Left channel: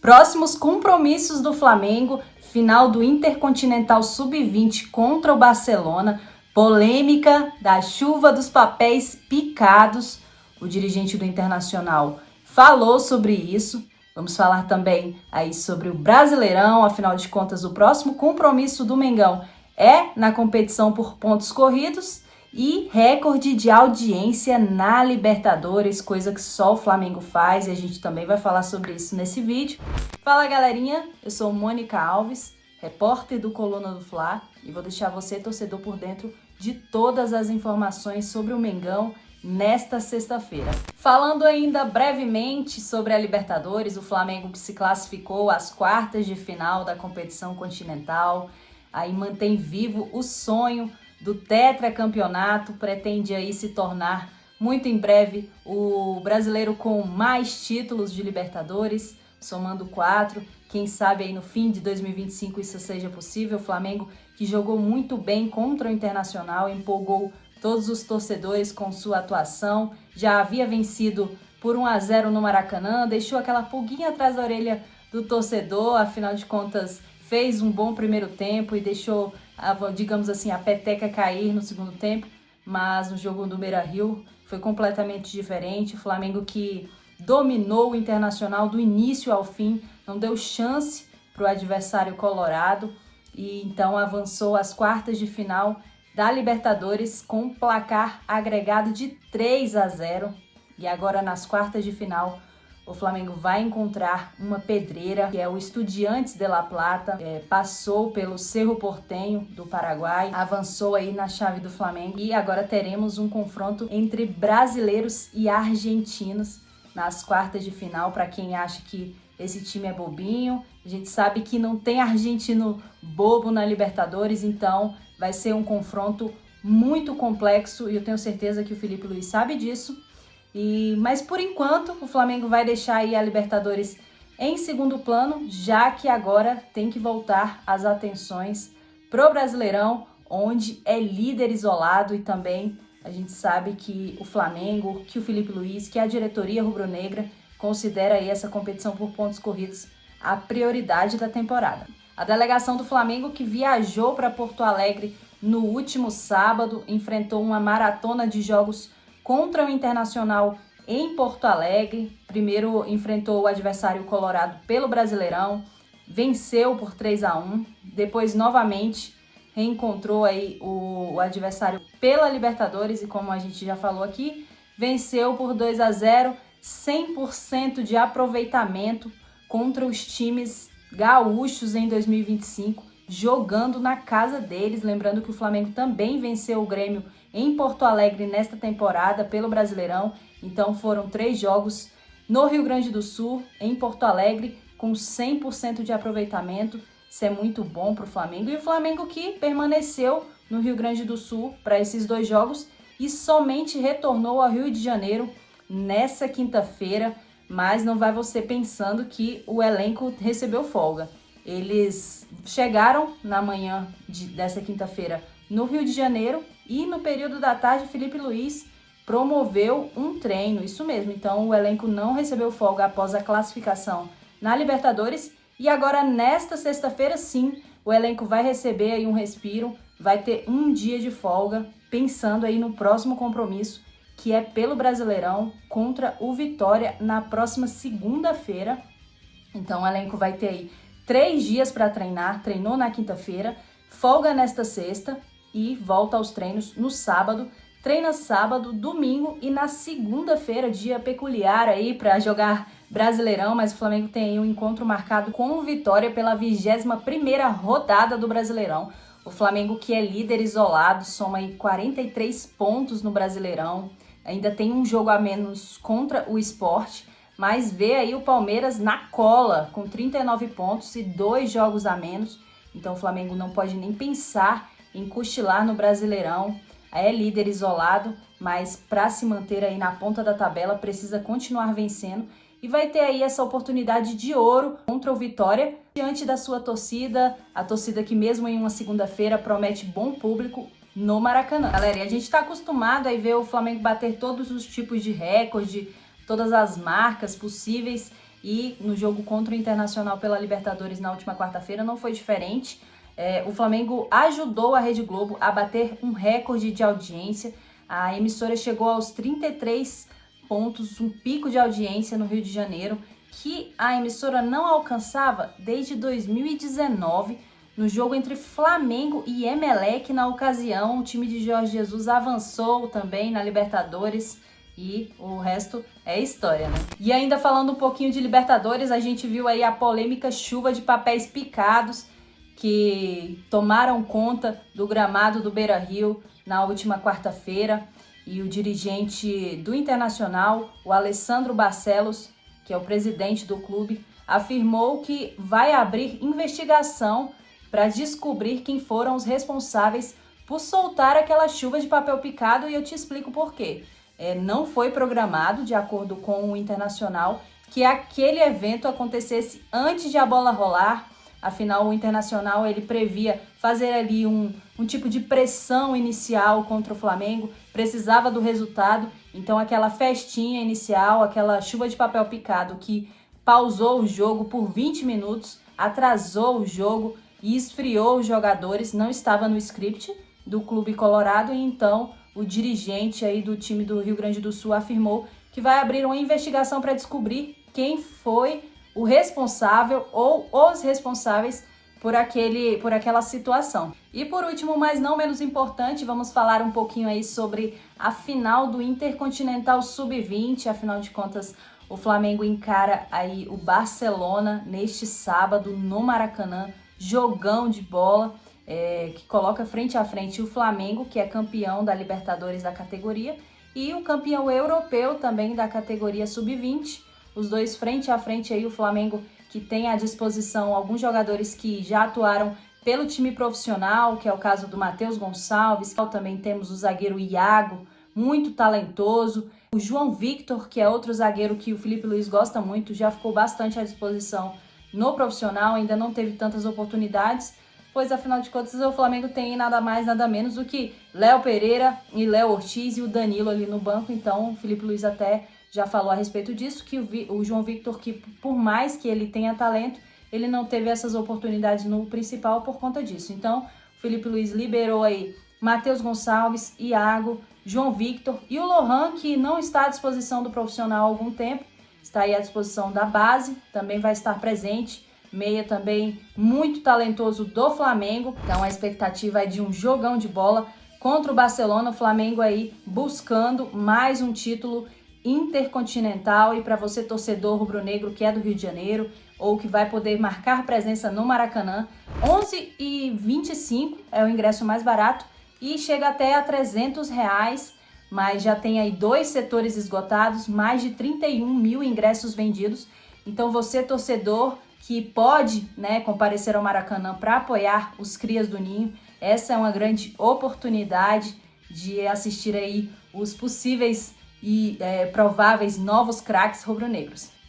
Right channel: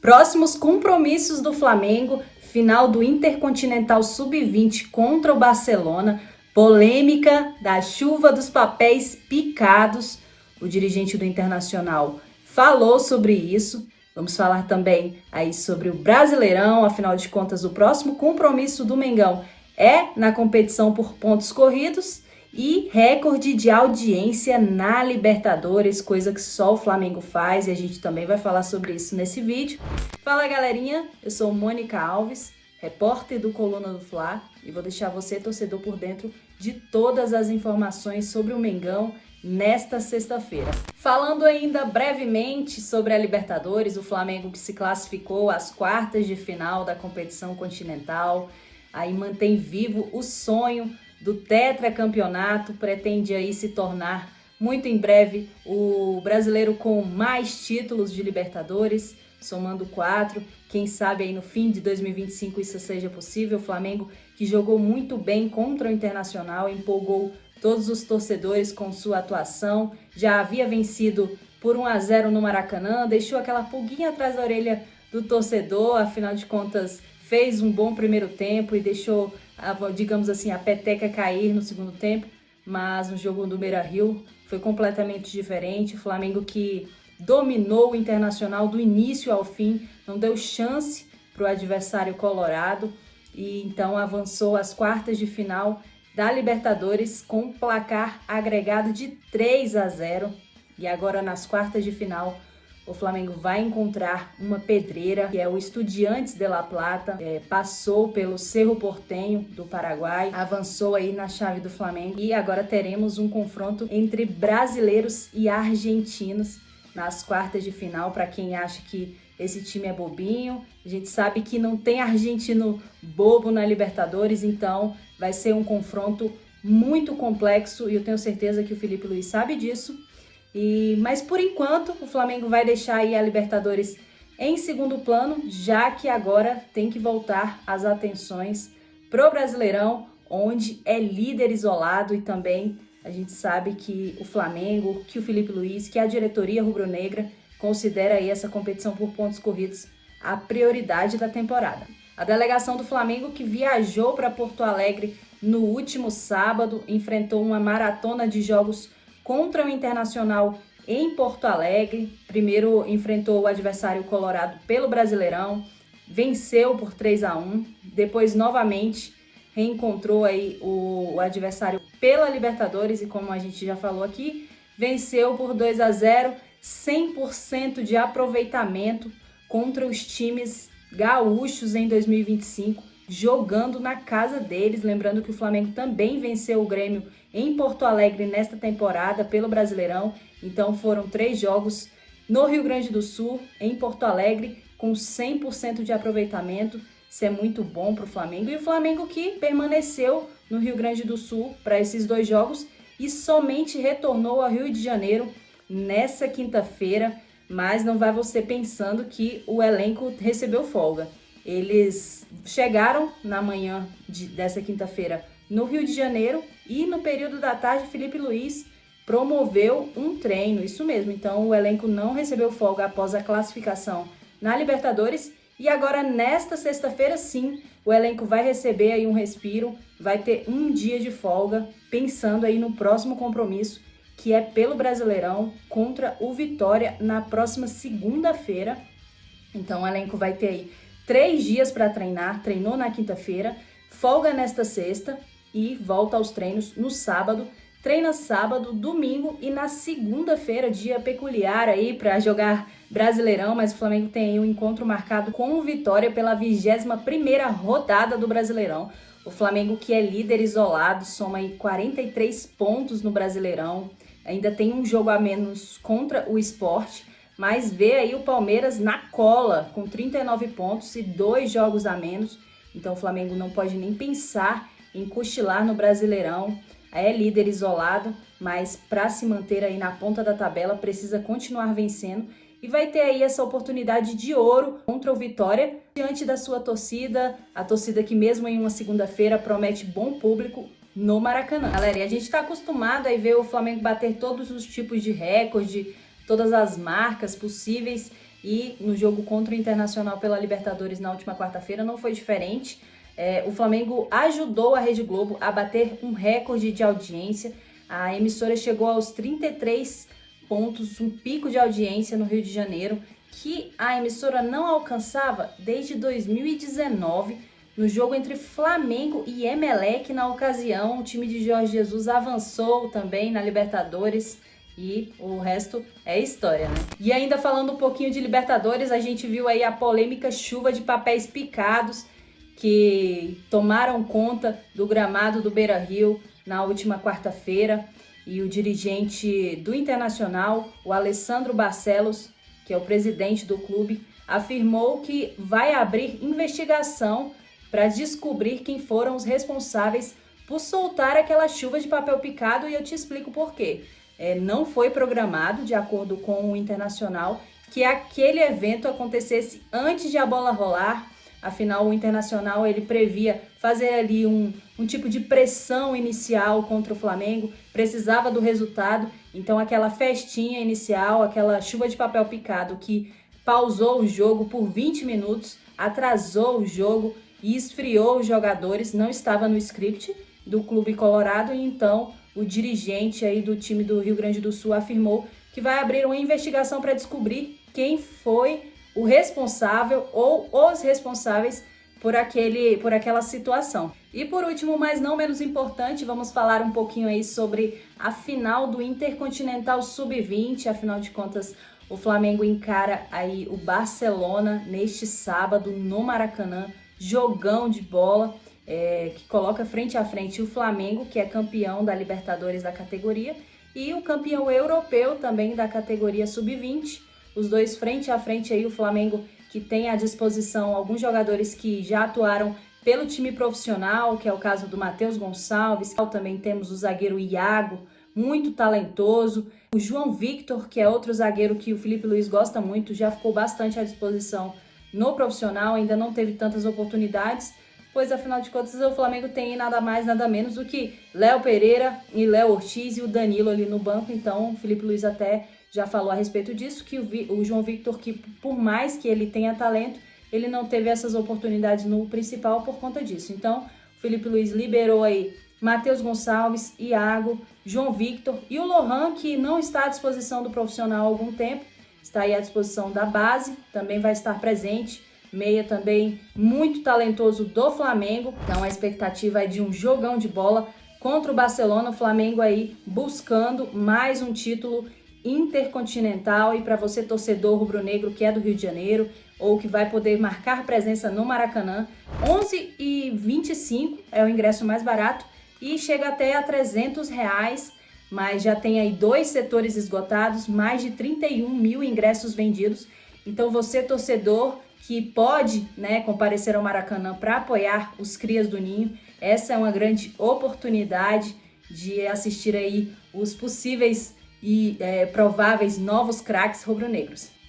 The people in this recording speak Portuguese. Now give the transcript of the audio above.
Próximos compromissos do Flamengo, final do Intercontinental Sub-20 contra o Barcelona, polêmica da chuva dos papéis picados. O dirigente do Internacional falou sobre isso. Vamos falar também aí sobre o Brasileirão, afinal de contas, o próximo compromisso do Mengão é na competição por pontos corridos e recorde de audiência na Libertadores, coisa que só o Flamengo faz e a gente também vai falar sobre isso nesse vídeo. Fala galerinha, eu sou Mônica Alves, repórter do Coluna do Fla e vou deixar você, torcedor, por dentro de todas as informações sobre o Mengão nesta sexta-feira. Falando ainda brevemente sobre a Libertadores, o Flamengo que se classificou às quartas de final da competição continental, aí mantém vivo o sonho do tetracampeonato, pretende aí se tornar muito em breve o brasileiro com mais títulos de Libertadores, somando 4, quem sabe aí no fim de 2025 isso seja possível. O Flamengo que jogou muito bem contra o Internacional, empolgou todos os torcedores com sua atuação, já havia vencido por 1-0 no Maracanã, deixou aquela pulguinha atrás da orelha do torcedor, afinal de contas fez um bom primeiro tempo e deixou, digamos assim, a peteca cair no segundo tempo, mas no jogo do Beira-Rio foi completamente diferente. O Flamengo que dominou o Internacional do início ao fim, não deu chance para o adversário colorado e então avançou às quartas de final da Libertadores com um placar agregado de 3-0 e agora nas quartas de final o Flamengo vai encontrar uma pedreira, que é o Estudiantes de La Plata, passou pelo Cerro Porteño do Paraguai, avançou aí na chave do Flamengo e agora teremos um confronto entre brasileiros e argentinos nas quartas de final. Para quem acha que esse time é bobinho, a gente sabe que não tem argentino bobo na Libertadores, então vai ser um confronto muito complexo e eu tenho certeza que o Felipe Luiz sabe disso. Mas por enquanto o Flamengo vai deixar aí a Libertadores em segundo plano, já que agora tem que voltar as atenções pro Brasileirão, onde é líder isolado, e também a gente sabe que o Flamengo, que o Felipe Luiz, que a diretoria rubro-negra considera aí essa competição por pontos corridos a prioridade da temporada. A delegação do Flamengo, que viajou para Porto Alegre no último sábado, enfrentou uma maratona de jogos contra o Internacional em Porto Alegre. Primeiro enfrentou o adversário colorado pelo Brasileirão, venceu por 3-1, depois novamente reencontrou aí o adversário pela Libertadores e, como a gente já falou aqui, venceu por 2-0, 100% de aproveitamento contra os times gaúchos em 2025, jogando na casa deles. Lembrando que o Flamengo também venceu o Grêmio em Porto Alegre nesta temporada pelo Brasileirão. Então foram 3 jogos no Rio Grande do Sul, em Porto Alegre, com 100% de aproveitamento. Isso é muito bom para o Flamengo. E o Flamengo que permaneceu no Rio Grande do Sul para esses 2 jogos e somente retornou ao Rio de Janeiro nessa quinta-feira. Mas não vai você pensando que o elenco recebeu folga. Eles chegaram na manhã dessa quinta-feira no Rio de Janeiro e no período da tarde Felipe Luiz promoveu um treino, isso mesmo. Então o elenco não recebeu folga após a classificação na Libertadores e agora nesta sexta-feira sim, o elenco vai receber aí um respiro, vai ter um dia de folga, pensando aí no próximo compromisso, que é pelo Brasileirão contra o Vitória na próxima segunda-feira. Então o elenco vai ter aí 3 dias para treinar, treinou na quinta-feira, folga nesta sexta e volta aos treinos no sábado. Treina sábado, domingo e na segunda-feira, dia peculiar aí para jogar Brasileirão, mas o Flamengo tem aí um encontro marcado com o Vitória pela 21ª rodada do Brasileirão. O Flamengo, que é líder isolado, soma aí 43 pontos no Brasileirão, ainda tem um jogo a menos contra o Sport, mas vê aí o Palmeiras na cola, com 39 pontos e 2 jogos a menos. Então o Flamengo não pode nem pensar em cochilar no Brasileirão. É líder isolado, mas para se manter aí na ponta da tabela precisa continuar vencendo e vai ter aí essa oportunidade de ouro contra o Vitória diante da sua torcida, a torcida que mesmo em uma segunda-feira promete bom público no Maracanã. Galera, e a gente está acostumado a ver o Flamengo bater todos os tipos de recorde, todas as marcas possíveis e no jogo contra o Internacional pela Libertadores na última quarta-feira não foi diferente. O Flamengo ajudou a Rede Globo a bater um recorde de audiência. A emissora chegou aos 33 pontos, um pico de audiência no Rio de Janeiro, que a emissora não alcançava desde 2019, no jogo entre Flamengo e Emelec. Na ocasião, o time de Jorge Jesus avançou também na Libertadores e o resto é história, né? E ainda falando um pouquinho de Libertadores, a gente viu aí a polêmica chuva de papéis picados que tomaram conta do gramado do Beira-Rio na última quarta-feira, e o dirigente do Internacional, o Alessandro Barcelos, que é o presidente do clube, afirmou que vai abrir investigação para descobrir quem foram os responsáveis por soltar aquela chuva de papel picado, e eu te explico por quê. Não foi programado, de acordo com o Internacional, que aquele evento acontecesse antes de a bola rolar. Afinal, o Internacional ele previa fazer ali um tipo de pressão inicial contra o Flamengo, precisava do resultado, então aquela festinha inicial, aquela chuva de papel picado que pausou o jogo por 20 minutos, atrasou o jogo e esfriou os jogadores, não estava no script do Clube Colorado, e então o dirigente aí do time do Rio Grande do Sul afirmou que vai abrir uma investigação para descobrir quem foi o responsável ou os responsáveis por aquela situação. E por último, mas não menos importante, vamos falar um pouquinho aí sobre a final do Intercontinental Sub-20. Afinal de contas, o Flamengo encara aí o Barcelona neste sábado no Maracanã, jogão de bola, que coloca frente a frente o Flamengo, que é campeão da Libertadores da categoria, e o campeão europeu também da categoria Sub-20. Os dois frente a frente aí, o Flamengo que tem à disposição alguns jogadores que já atuaram pelo time profissional, que é o caso do Matheus Gonçalves. Também temos o zagueiro Iago, muito talentoso. O João Victor, que é outro zagueiro que o Felipe Luiz gosta muito, já ficou bastante à disposição no profissional, ainda não teve tantas oportunidades, pois afinal de contas o Flamengo tem nada mais, nada menos do que Léo Pereira e Léo Ortiz e o Danilo ali no banco. Então o Felipe Luiz até já falou a respeito disso, que o João Victor, que por mais que ele tenha talento, ele não teve essas oportunidades no principal por conta disso. Então, o Felipe Luiz liberou aí Matheus Gonçalves, Iago, João Victor e o Lohan, que não está à disposição do profissional há algum tempo, está aí à disposição da base, também vai estar presente. Meia também muito talentoso do Flamengo. Então a expectativa é de um jogão de bola contra o Barcelona. O Flamengo aí buscando mais um título intercontinental. E para você, torcedor rubro-negro que é do Rio de Janeiro ou que vai poder marcar presença no Maracanã, R$11,25 é o ingresso mais barato e chega até a R$300, mas já tem aí 2 setores esgotados, mais de 31 mil ingressos vendidos. Então você, torcedor que pode, comparecer ao Maracanã para apoiar os Crias do Ninho, essa é uma grande oportunidade de assistir aí os possíveis e prováveis novos craques rubro-negros.